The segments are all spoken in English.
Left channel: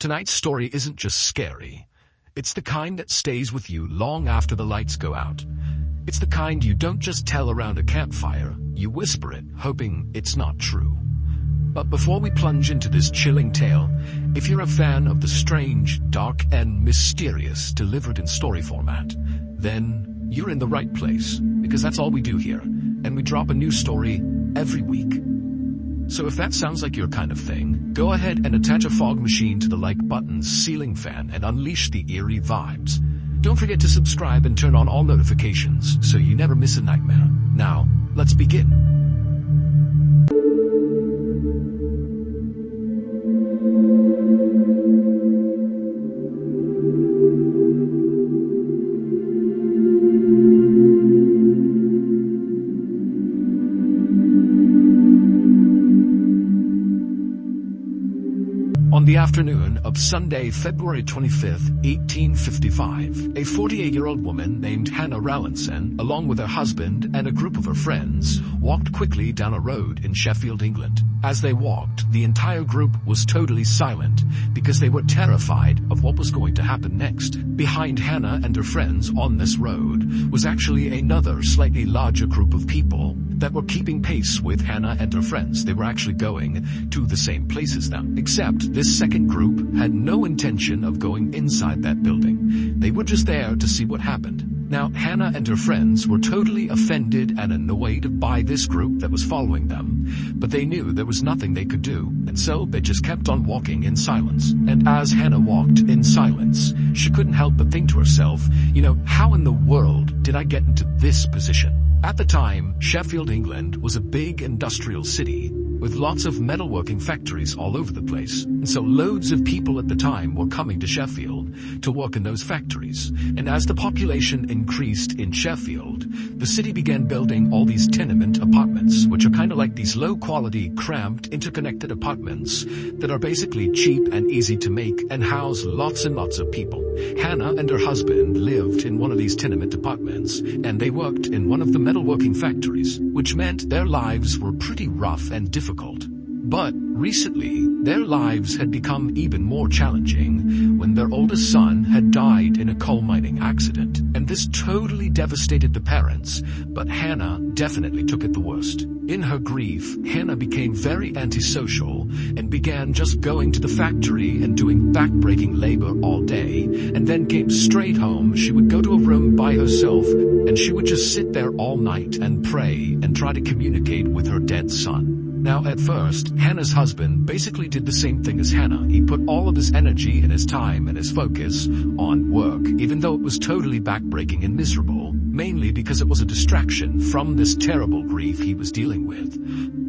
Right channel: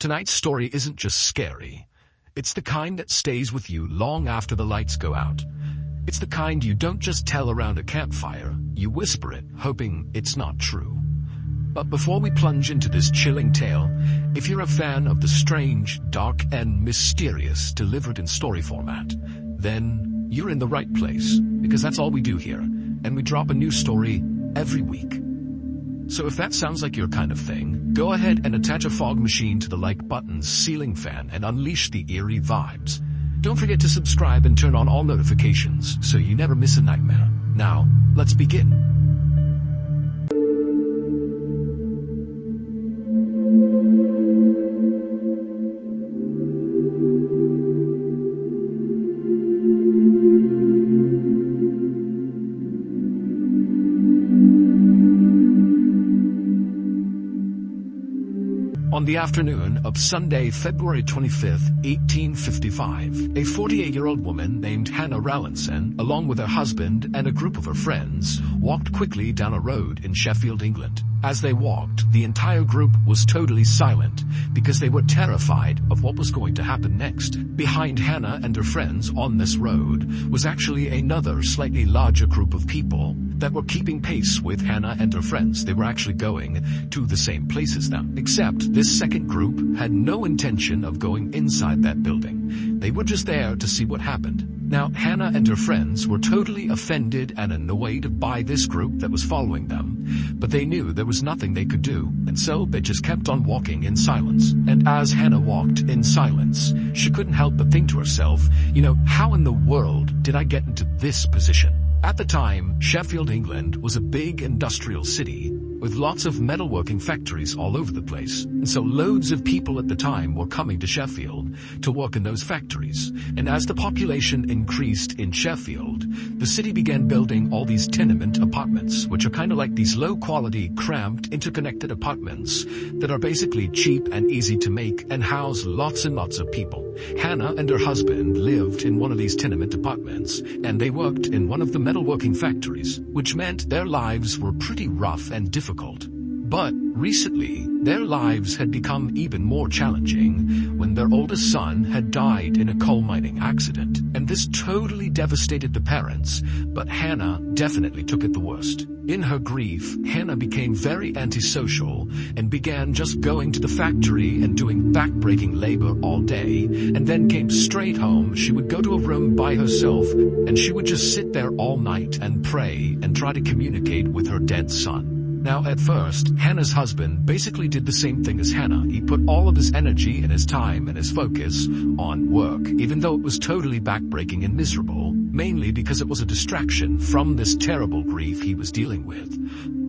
Tonight's story isn't just scary. It's the kind that stays with you long after the lights go out. It's the kind you don't just tell around a campfire, you whisper it, hoping it's not true. But before we plunge into this chilling tale, if you're a fan of the strange, dark, and mysterious delivered in story format, then you're in the right place, because that's all we do here, and we drop a new story every week. So if that sounds like your kind of thing, go ahead and attach a fog machine to the like button's ceiling fan and unleash the eerie vibes. Don't forget to subscribe and turn on all notifications so you never miss a nightmare. Now, let's begin. On the afternoon of Sunday, February 25th, 1855, a 48-year-old woman named Hannah Rallinson, along with her husband and a group of her friends, walked quickly down a road in Sheffield, England. As they walked, the entire group was totally silent because they were terrified of what was going to happen next. Behind Hannah and her friends on this road was actually another slightly larger group of people that were keeping pace with Hannah and her friends. They were actually going to the same place as them, except this second group had no intention of going inside that building. They were just there to see what happened. Now, Hannah and her friends were totally offended and annoyed by this group that was following them, but they knew there was nothing they could do, and so they just kept on walking in silence. And as Hannah walked in silence, she couldn't help but think to herself, how in the world did I get into this position? At the time, Sheffield, England was a big industrial city with lots of metalworking factories all over the place. And so loads of people at the time were coming to Sheffield to work in those factories. And as the population increased in Sheffield, the city began building all these tenement apartments, which are kind of like these low-quality, cramped, interconnected apartments that are basically cheap and easy to make and house lots and lots of people. Hannah and her husband lived in one of these tenement apartments, and they worked in one of the metalworking factories, which meant their lives were pretty rough and difficult. But recently, their lives had become even more challenging when their oldest son had died in a coal mining accident. And this totally devastated the parents, but Hannah definitely took it the worst. In her grief, Hannah became very antisocial and began just going to the factory and doing back-breaking labor all day, and then came straight home. She would go to a room by herself, and she would just sit there all night and pray and try to communicate with her dead son. Now, at first, Hannah's husband basically did the same thing as Hannah. He put all of his energy and his time and his focus on work, even though it was totally backbreaking and miserable, mainly because it was a distraction from this terrible grief he was dealing with.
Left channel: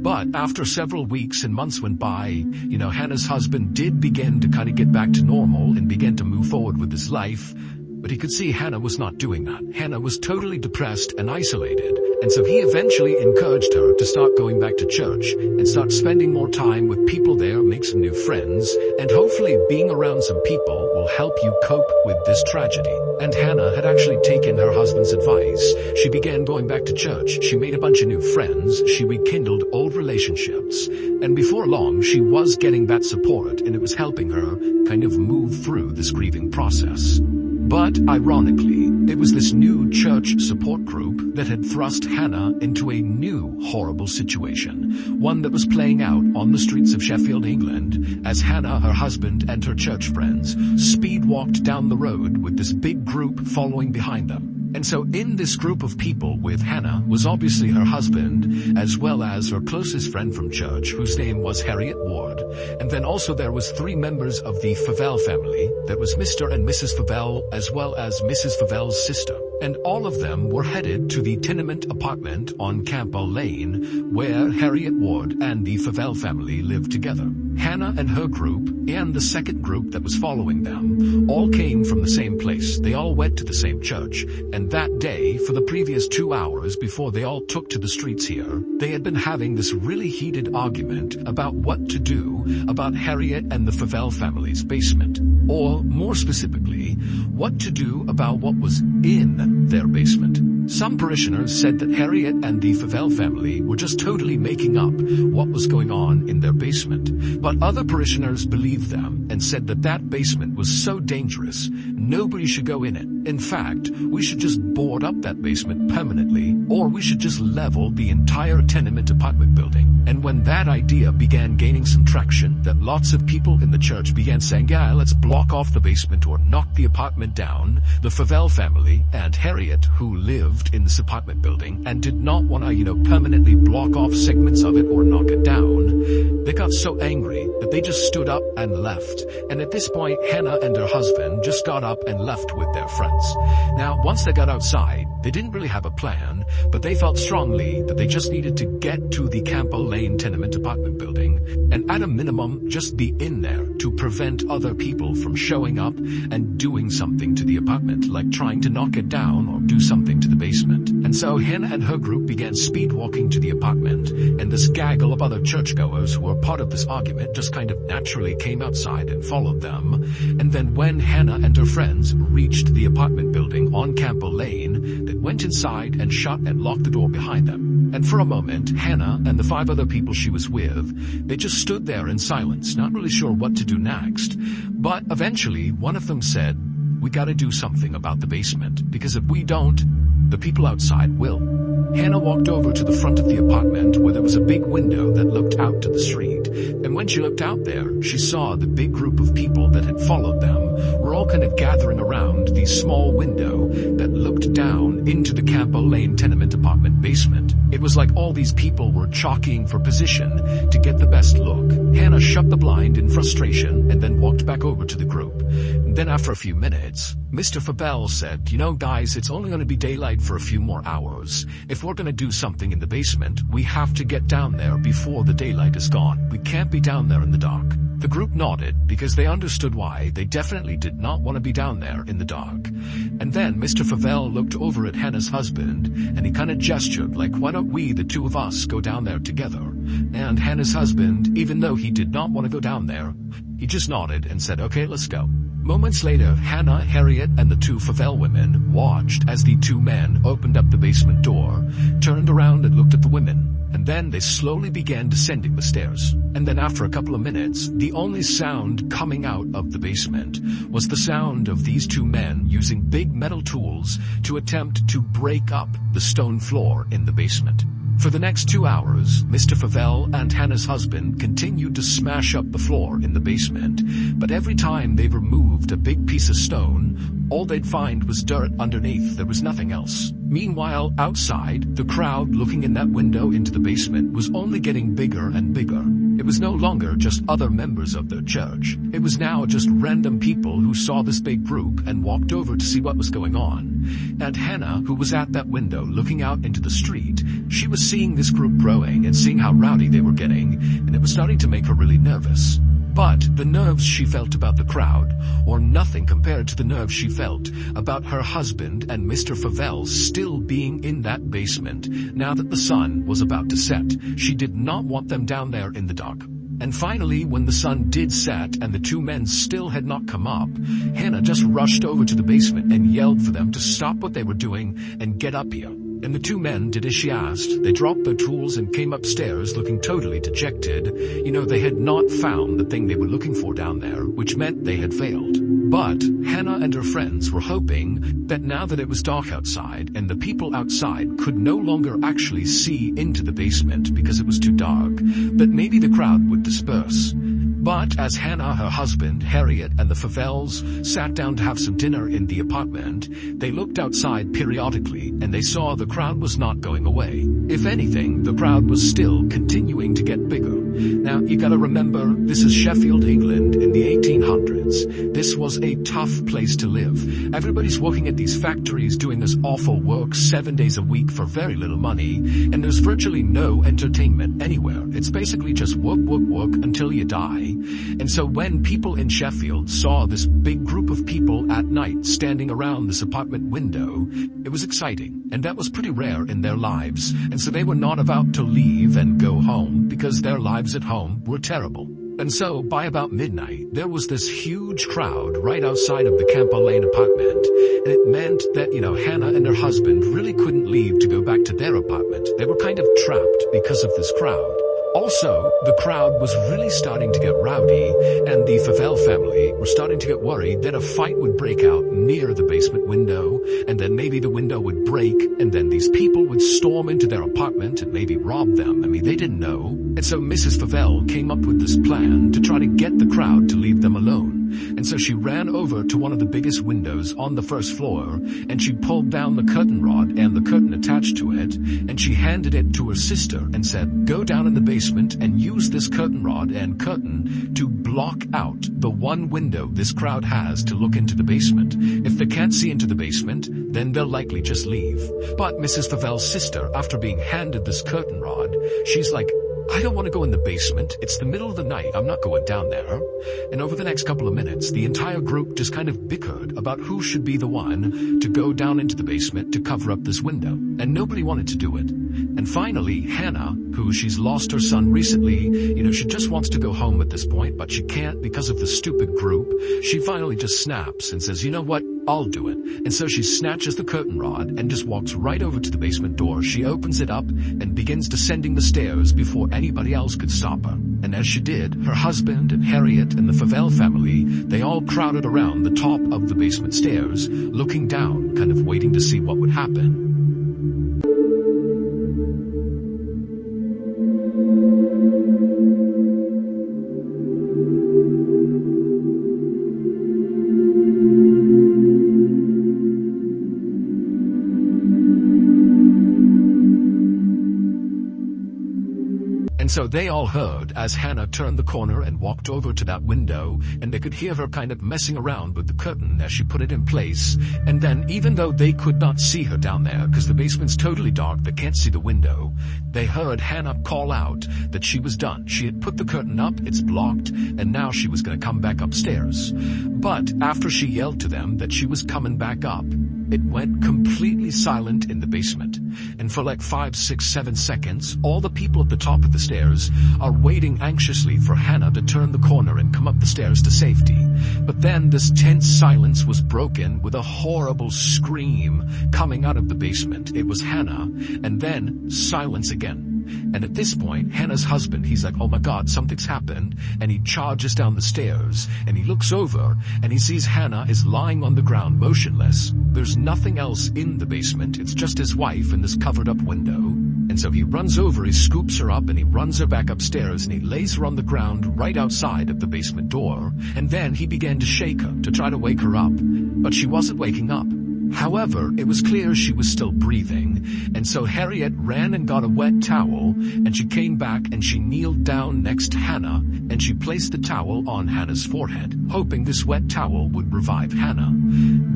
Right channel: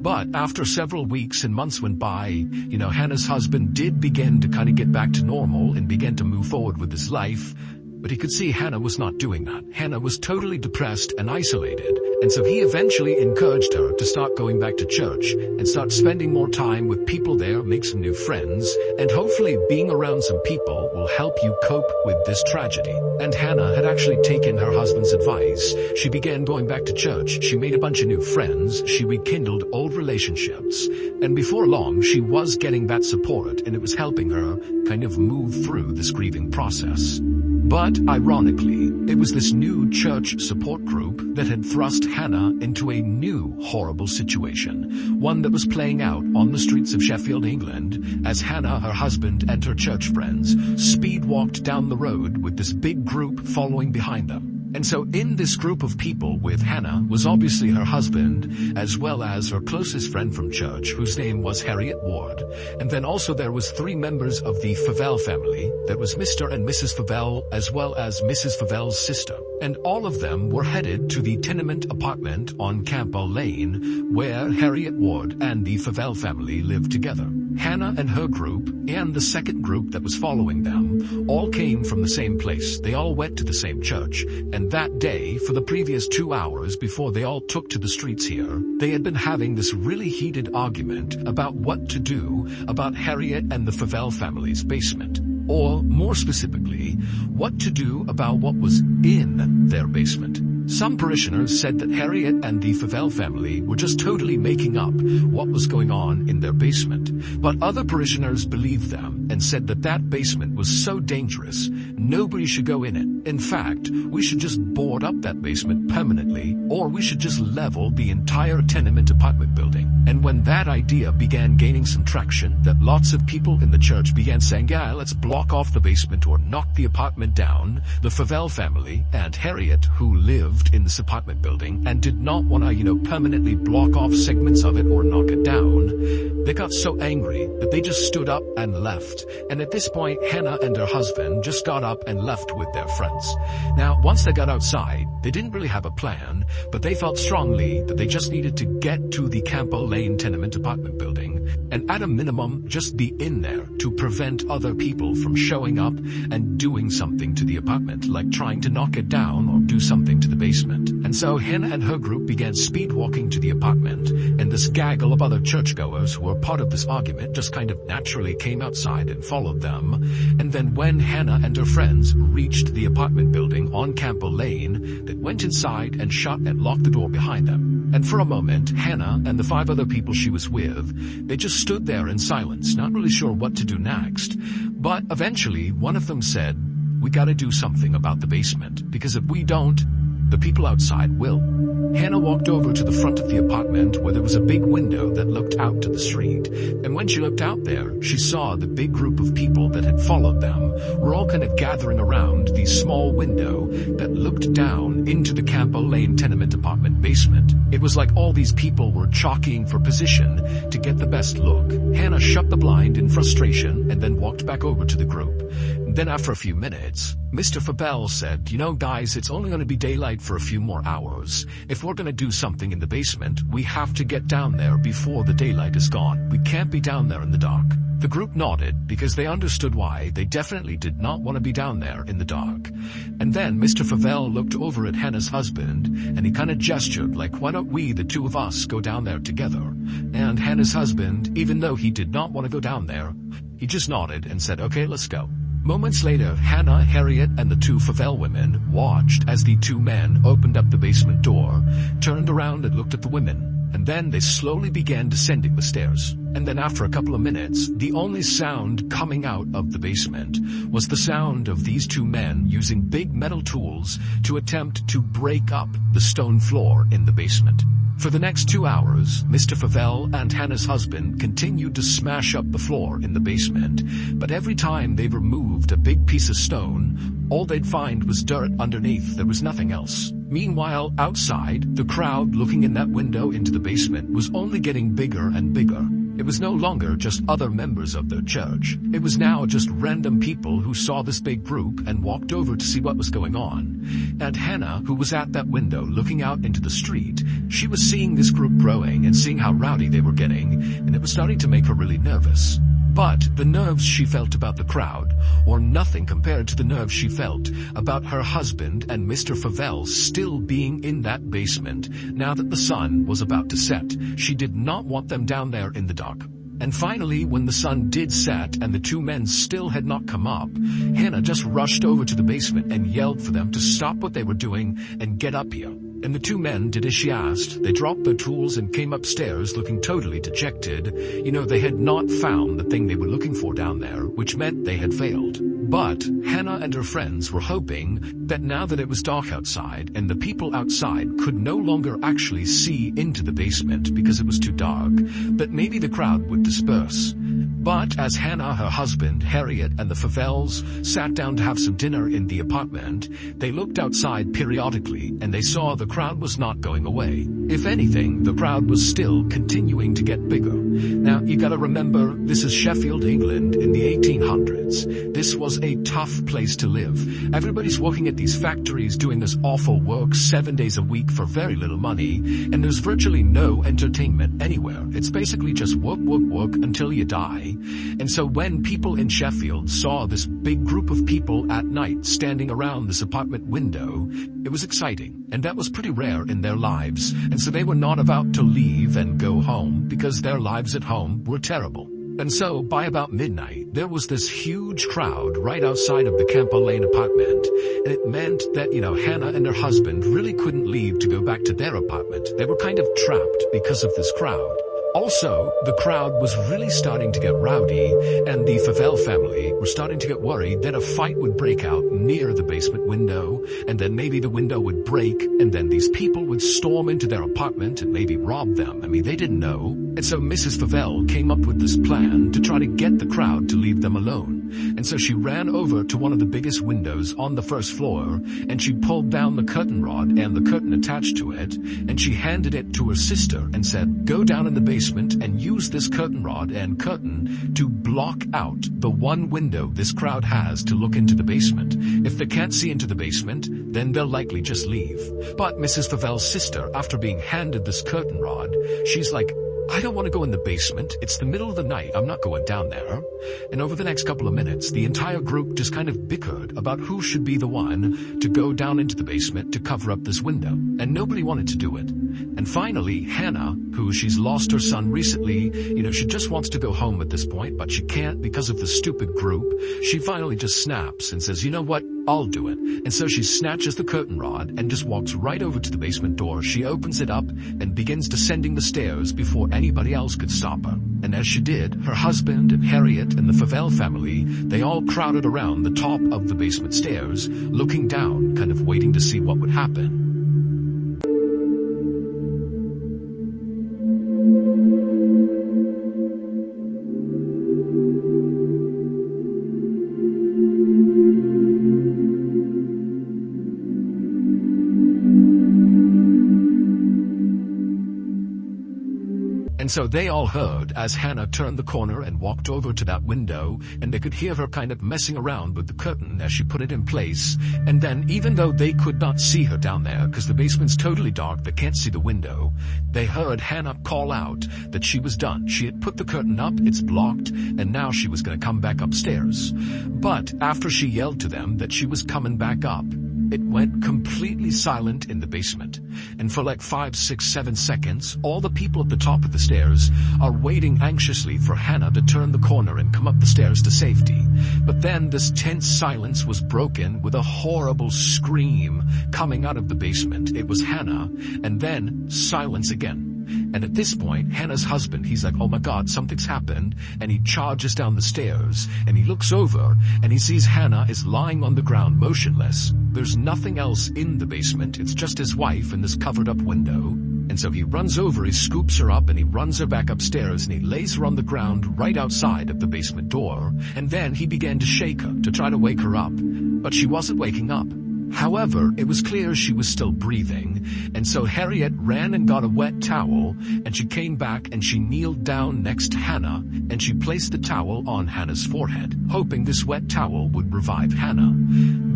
But after several weeks and months went by, Hannah's husband did begin to kind of get back to normal and began to move forward with his life. But he could see Hannah was not doing that. Hannah was totally depressed and isolated, and so he eventually encouraged her to start going back to church and start spending more time with people there, make some new friends, and hopefully being around some people will help you cope with this tragedy. And Hannah had actually taken her husband's advice. She began going back to church. She made a bunch of new friends. She rekindled old relationships. And before long, she was getting that support, and it was helping her kind of move through this grieving process. But, ironically, it was this new church support group that had thrust Hannah into a new horrible situation, one that was playing out on the streets of Sheffield, England, as Hannah, her husband, and her church friends speed-walked down the road with this big group following behind them. And so in this group of people with Hannah was obviously her husband, as well as her closest friend from church, whose name was Harriet Ward. And then also there was 3 members of the Favell family. That was Mr. and Mrs. Favell, as well as Mrs. Favell's sister. And all of them were headed to the tenement apartment on Campbell Lane, where Harriet Ward and the Favell family lived together. Hannah and her group, and the second group that was following them, all came from the same place. They all went to the same church. And that day, for the previous 2 hours before they all took to the streets here, they had been having this really heated argument about what to do about Harriet and the Favell family's basement. Or, more specifically, what to do about what was in their basement. Some parishioners said that Harriet and the Favell family were just totally making up what was going on in their basement. But other parishioners believed them and said that that basement was so dangerous, nobody should go in it. In fact, we should just board up that basement permanently, or we should just level the entire tenement apartment building. And when that idea began gaining some traction, that lots of people in the church began saying, yeah, let's block off the basement or knock the apartment down, the Favell family and Harriet, who lived in this apartment building and did not want to, permanently block off segments of it or knock it down, they got so angry that they just stood up and left. And at this point, Hannah and her husband just got up and left with their friends. Now, once they got outside, they didn't really have a plan, but they felt strongly that they just needed to get to the Campo Lane tenement apartment building and at a minimum just be in there to prevent other people from showing up and doing something to the apartment, like trying to knock it down or do something to the basement. And so Hannah and her group began speed walking to the apartment, and this gaggle of other churchgoers who were part of this argument just kind of naturally came outside and followed them. And then when Hannah and her friends reached the apartment building on Campo Lane, they went inside and shut and locked the door behind them. And for a moment, Hannah and the 5 other people she was with, they just stood there in silence, not really sure what to do next. But eventually, one of them said, "We gotta do something about the basement, because if we don't, the people outside will." Hannah walked over to the front of the apartment where there was a big window that looked out to the street. And when she looked out there, she saw the big group of people that had followed them were all kind of gathering around the small window that looked down into the Campo Lane tenement apartment basement. It was like all these people were jockeying for position to get the best look. Hannah shut the blind in frustration and then walked back over to the group. And then after a few minutes, Mr. Favell said, guys, it's only going to be daylight for a few more hours. If we're going to do something in the basement, we have to get down there before the daylight is gone. We can't be down there in the dark. The group nodded because they understood why. They definitely did not want to be down there in the dark. And then Mr. Favell looked over at Hannah's husband and he kind of gestured like, why don't we, the 2 of us, go down there together? And Hannah's husband, even though he did not want to go down there, he just nodded and said, okay, let's go. Moments later, Hannah, Harriet, and the 2 Favell women watched as the 2 men opened up the basement door, turned around and looked at the women, and then they slowly began descending the stairs. And then after a couple of minutes, the only sound coming out of the basement was the sound of these 2 men using big metal tools to attempt to break up the stone floor in the basement. For the next 2 hours, Mr. Favell and Hannah's husband continued to smash up the floor in the basement, but every time they removed a big piece of stone, all they'd find was dirt underneath. There was nothing else. Meanwhile, outside, the crowd looking in that window into the basement was only getting bigger and bigger. It was no longer just other members of their church. It was now just random people who saw this big group and walked over to see what was going on. And Hannah, who was at that window looking out into the street, she was seeing this group growing and seeing how rowdy they were getting, and it was starting to make her really nervous. But the nerves she felt about the crowd were nothing compared to the nerves she felt about her husband and Mr. Favell still being in that basement now that the sun was about to set. She did not want them down there in the dark. And finally, when the sun did set and the 2 men still had not come up, Hannah just rushed over to the basement and yelled for them to stop what they were doing and get up here. And the 2 men did as she asked. They dropped their tools and came upstairs looking totally dejected. They had not found the thing they were looking for down there, which meant they had failed. But Hannah and her friends were hoping that now that it was dark outside and the people outside could no longer actually see into the basement because it was too dark, that maybe the crowd would disperse. But as Hannah, her husband, Harriet, and the Favells sat down to have some dinner in the apartment, they looked outside periodically and they saw the crowd was not going away. If anything, the crowd was still continuing to get bigger. Now, you gotta remember, this is Sheffield, England in the 1800s. This was a tough place to live. Everybody's working at these factories doing this awful work 7 days a week for very little money, and there's virtually no entertainment anywhere. It's basically just work, work, work until you die. And so when people in Sheffield saw this big group of people at night standing around this apartment window, it was exciting, and that was pretty rare in their lives. And so they were not about to leave and go home because their lives at home were terrible. And so, by about midnight, there was this huge crowd right outside of the Campo Lane apartment, and it meant that, Hannah and her husband really couldn't leave to go back to their apartment. They were kind of trapped because of this crowd. Also, the crowd was really starting to get rowdy, and the Favell family were starting to get worried that a fight would break out near the basement window, and then maybe the window would break, and then these people would storm into their apartment and maybe rob them. They didn't know. And so Mrs. Favell came up with this plan to try to get the crowd to leave them alone. And so she ran over to one of the biggest windows on the first floor, and she pulled down the curtain rod and the curtain attached to it, and she handed it to her sister and said, "Go down in the basement and use this curtain rod and curtain to block out the one window this crowd has to look into the basement. If they can't see into the basement, then they'll likely just leave." But Mrs. Favell's sister, after being handed this curtain rod, she's like, "I don't want to go in the basement. It's the middle of the night. I'm not going down there." And over the next couple of minutes, the entire group just kind of bickered about who should be the one to go down into the basement to cover up this window. And nobody wanted to do it. And finally, Hannah, who she's lost her son recently, she just wants to go home at this point, but she can't because of the stupid group. She finally just snaps and says, "You know what? I'll do it." And so she snatches the curtain rod and just walks right over to the basement door. She opens it up and begins descending the stairs before anybody else could stop her. And as she did, her husband and Harriet and the Favell family, they all crowded around the top of the basement stairs, looking down, kind of waiting to see what would happen. And so they all heard as Hannah turned the corner and walked over to that window, and they could hear her kind of messing around with the curtain as she put it in place. And then, even though they could not see her down there, because the basement's totally dark, they can't see the window, they heard Hannah call out that she was done. She had put the curtain up, it's blocked, and now she was going to come back upstairs. But after she yelled to them that she was coming back up, it went completely silent in the basement. And for like 5, 6, 7 seconds, all the people at the top of the stairs are waiting anxiously for Hannah to turn the corner and come up the stairs to safety. But then this tense silence was broken with a horrible scream coming out of the basement. It was Hannah, and then silence again. And at this point, Hannah's husband, he's like, "Oh my God, something's happened." And he charges down the stairs, and he looks over, and he sees Hannah is lying on the ground motionless. There's nothing else in the basement. It's just his wife in this covered up window. And so he runs over, he scoops her up, and he runs her back upstairs, and he lays her on the ground right outside of the basement door. And then he began to shake her to try to wake her up. But she wasn't waking up. However, it was clear she was still breathing, and so Harriet ran and got a wet towel, and she came back and she kneeled down next to Hannah, and she placed the towel on Hannah's forehead, hoping this wet towel would revive Hannah.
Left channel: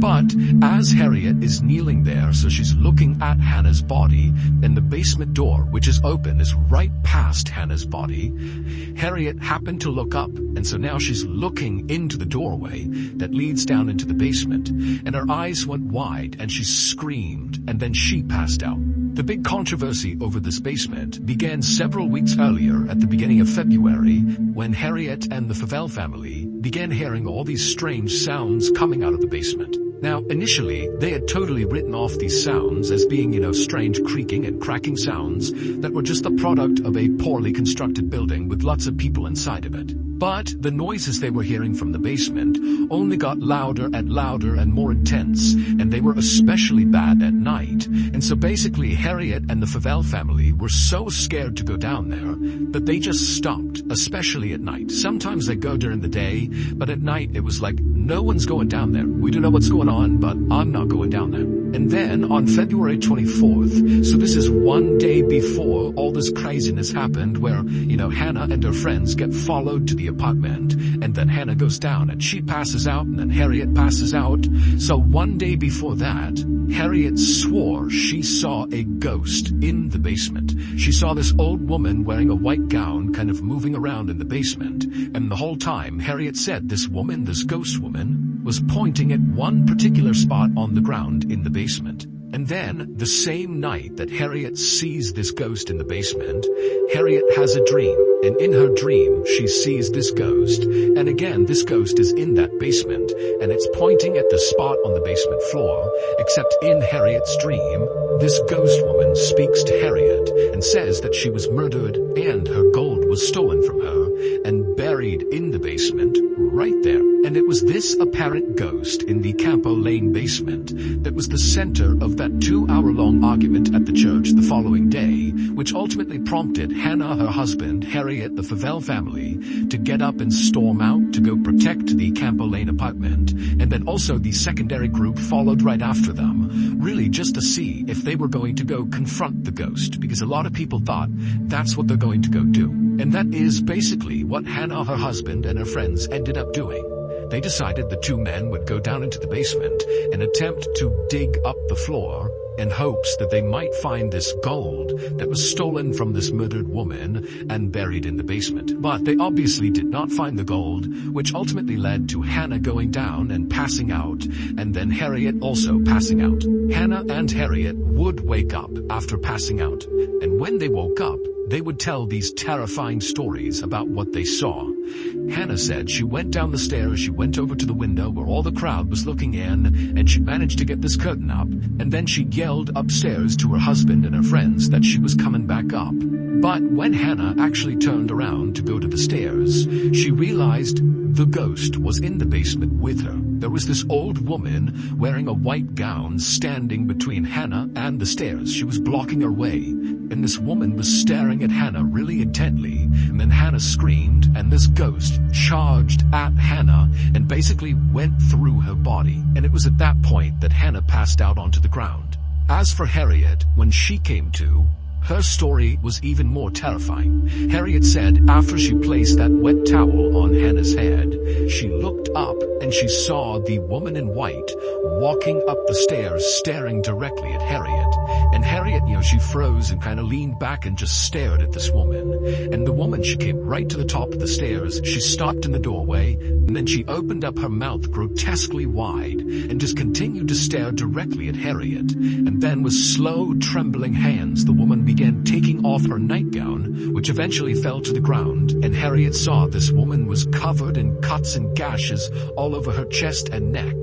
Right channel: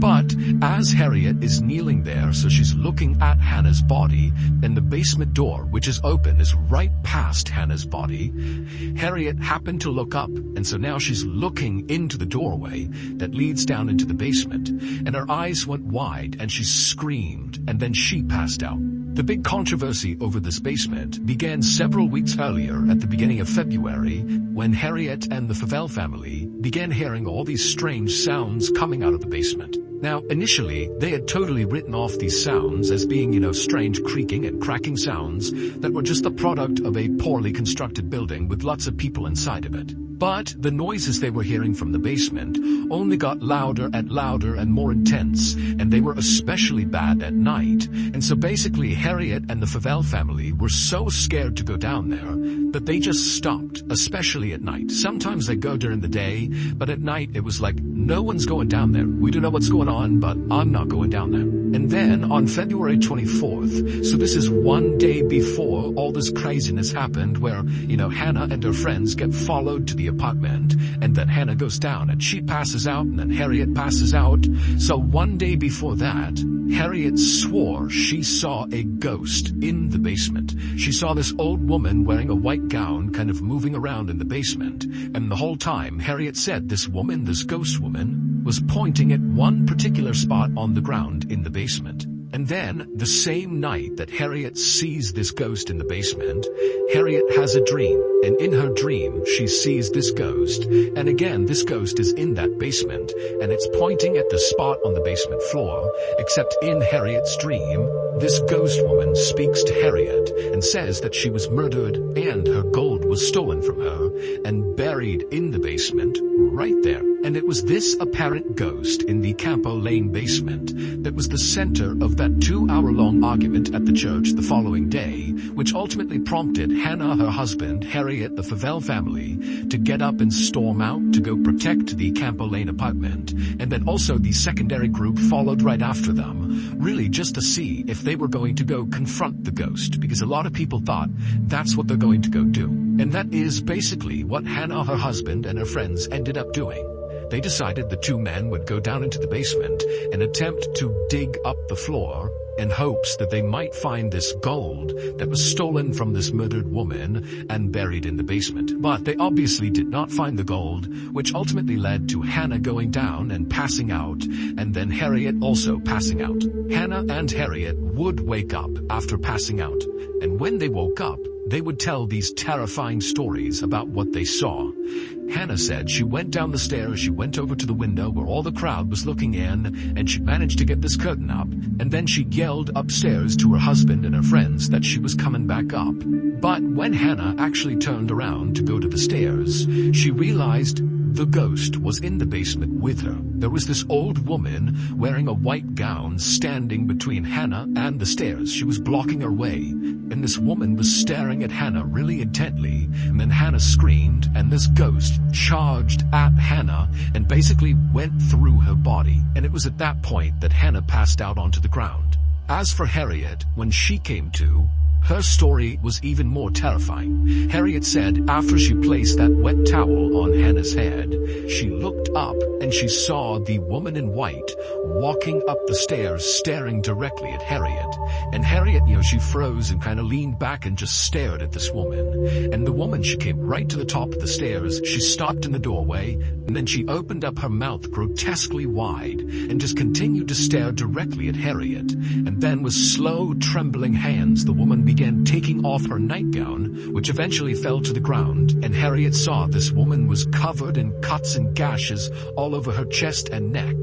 But as Harriet is kneeling there, so she's looking at Hannah's body, and the basement door, which is open, is right past Hannah's body, Harriet happened to look up, and so now she's looking into the doorway that leads down into the basement, and her eyes went wide, and she screamed, and then she passed out. The big controversy over this basement began several weeks earlier at the beginning of February, when Harriet and the Favell family began hearing all these strange sounds coming out of the basement. Now, initially, they had totally written off these sounds as being, strange creaking and cracking sounds that were just the product of a poorly constructed building with lots of people inside of it. But the noises they were hearing from the basement only got louder and more intense, and they were especially bad at night. And so basically, Harriet and the Favell family were so scared to go down there that they just stopped, especially at night. Sometimes they go during the day, but at night it was like, no one's going down there. We don't know what's going on, but I'm not going down there. And then on February 24th, so this is one day before all this craziness happened, where, Hannah and her friends get followed to the apartment, and then Hannah goes down and she passes out, and then Harriet passes out. So one day before that, Harriet swore she saw a ghost in the basement. She saw this old woman wearing a white gown kind of moving around in the basement, and the whole time Harriet said this woman, this ghost woman, was pointing at one particular spot on the ground in the basement. And then, the same night that Harriet sees this ghost in the basement, Harriet has a dream, and in her dream, she sees this ghost, and again, this ghost is in that basement, and it's pointing at the spot on the basement floor, except in Harriet's dream, this ghost woman speaks to Harriet and says that she was murdered and her gold was stolen from her and buried in the basement right there. And it was this apparent ghost in the Campo Lane basement that was the center of that 2-hour-long argument at the church the following day, which ultimately prompted Hannah, her husband, Harriet, the Favell family, to get up and storm out to go protect the Campo Lane apartment, and then also the secondary group followed right after them, really just to see if they were going to go confront the ghost, because a lot of people thought that's what they're going to go do. And that is basically what Hannah, her husband, and her friends ended up doing. They decided the two men would go down into the basement and attempt to dig up the floor in hopes that they might find this gold that was stolen from this murdered woman and buried in the basement. But they obviously did not find the gold, which ultimately led to Hannah going down and passing out, and then Harriet also passing out. Hannah and Harriet would wake up after passing out, and when they woke up, they would tell these terrifying stories about what they saw. Hannah said she went down the stairs, she went over to the window where all the crowd was looking in, and she managed to get this curtain up, and then she yelled upstairs to her husband and her friends that she was coming back up. But when Hannah actually turned around to go to the stairs, she realized the ghost was in the basement with her. There was this old woman wearing a white gown standing between Hannah and the stairs. She was blocking her way, and this woman was staring at Hannah really intently, and then Hannah screamed, and this ghost charged at Hannah and basically went through her body, and it was at that point that Hannah passed out onto the ground. As for Harriet, when she came to, her story was even more terrifying. Harriet said after she placed that wet towel on Hannah's head, she looked up and she saw the woman in white walking up the stairs staring directly at Harriet. And Harriet, she froze and kind of leaned back and just stared at this woman. And the woman, she came right to the top of the stairs. She stopped in the doorway, and then she opened up her mouth grotesquely wide and just continued to stare directly at Harriet. And then with slow, trembling hands, the woman began taking off her nightgown, which eventually fell to the ground, and Harriet saw this woman was covered in cuts and gashes all over her chest and neck.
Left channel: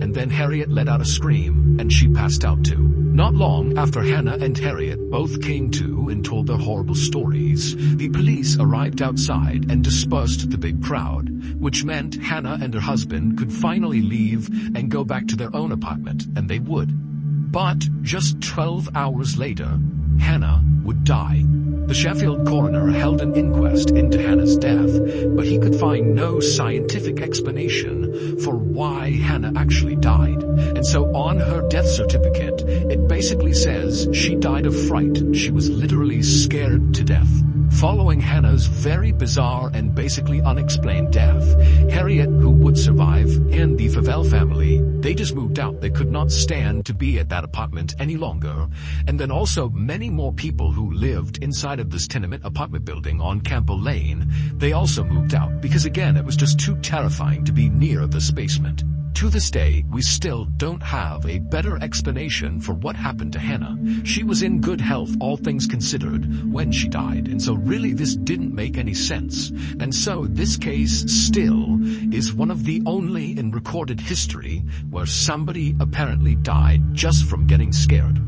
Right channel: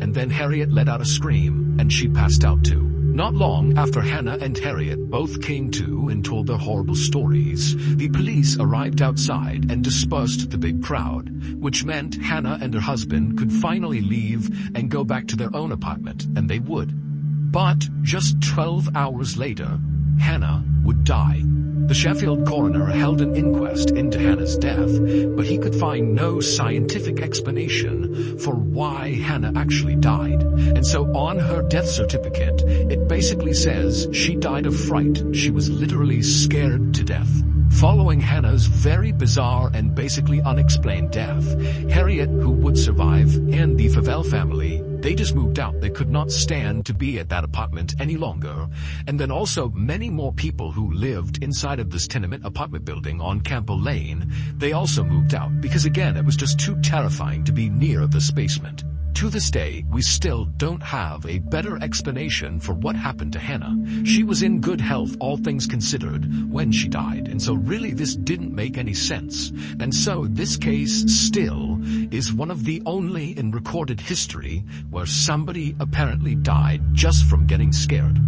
And then Harriet let out a scream, and she passed out too. Not long after Hannah and Harriet both came to and told their horrible stories, the police arrived outside and dispersed the big crowd, which meant Hannah and her husband could finally leave and go back to their own apartment, and they would. But just 12 hours later, Hannah would die. The Sheffield coroner held an inquest into Hannah's death, but he could find no scientific explanation for why Hannah actually died. And so on her death certificate, it basically says she died of fright. She was literally scared to death. Following Hannah's very bizarre and basically unexplained death, Harriet, who would survive, and the Favell family, they just moved out. They could not stand to be at that apartment any longer. And then also many more people who lived inside of this tenement apartment building on Campo Lane, they also moved out because again, it was just too terrifying to be near this basement. To this day, we still don't have a better explanation for what happened to Hannah. She was in good health, all things considered, when she died, and so really this didn't make any sense. And so this case still is one of the only in recorded history where somebody apparently died just from getting scared.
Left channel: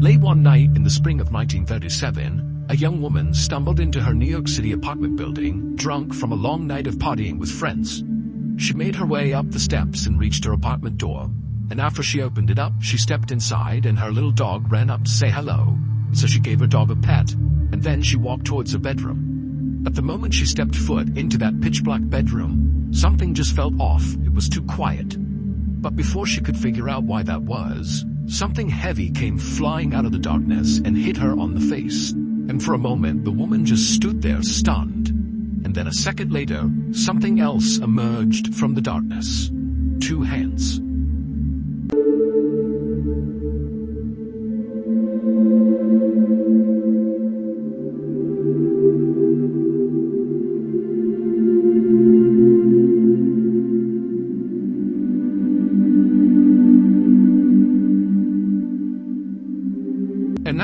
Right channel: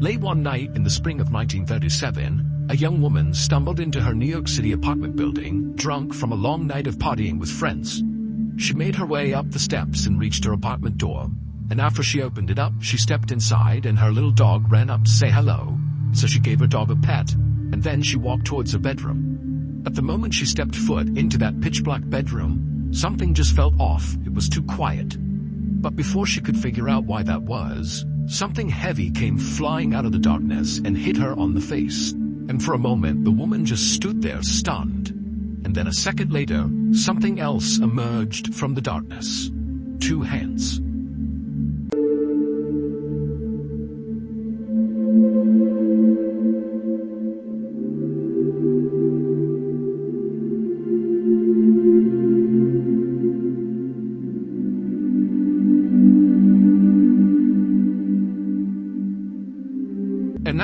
Late one night in the spring of 1937, a young woman stumbled into her New York City apartment building, drunk from a long night of partying with friends. She made her way up the steps and reached her apartment door, and after she opened it up, she stepped inside and her little dog ran up to say hello, so she gave her dog a pet, and then she walked towards her bedroom. At the moment she stepped foot into that pitch-black bedroom, something just felt off. It was too quiet. But before she could figure out why that was, something heavy came flying out of the darkness and hit her on the face. And for a moment, the woman just stood there stunned. And then a second later, something else emerged from the darkness. 2 hands.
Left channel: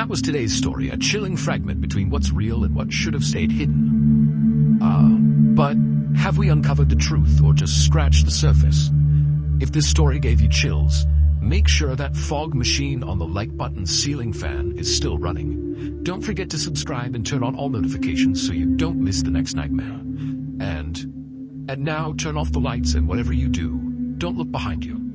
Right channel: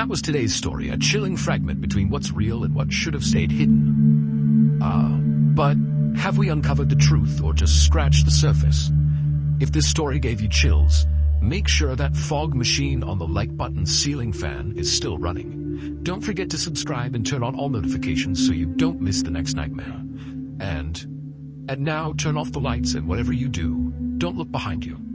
that was today's story, a chilling fragment between what's real and what should have stayed hidden. But have we uncovered the truth or just scratched the surface? If this story gave you chills, make sure that fog machine on the like button ceiling fan is still running. Don't forget to subscribe and turn on all notifications so you don't miss the next nightmare. And now turn off the lights, and whatever you do, don't look behind you.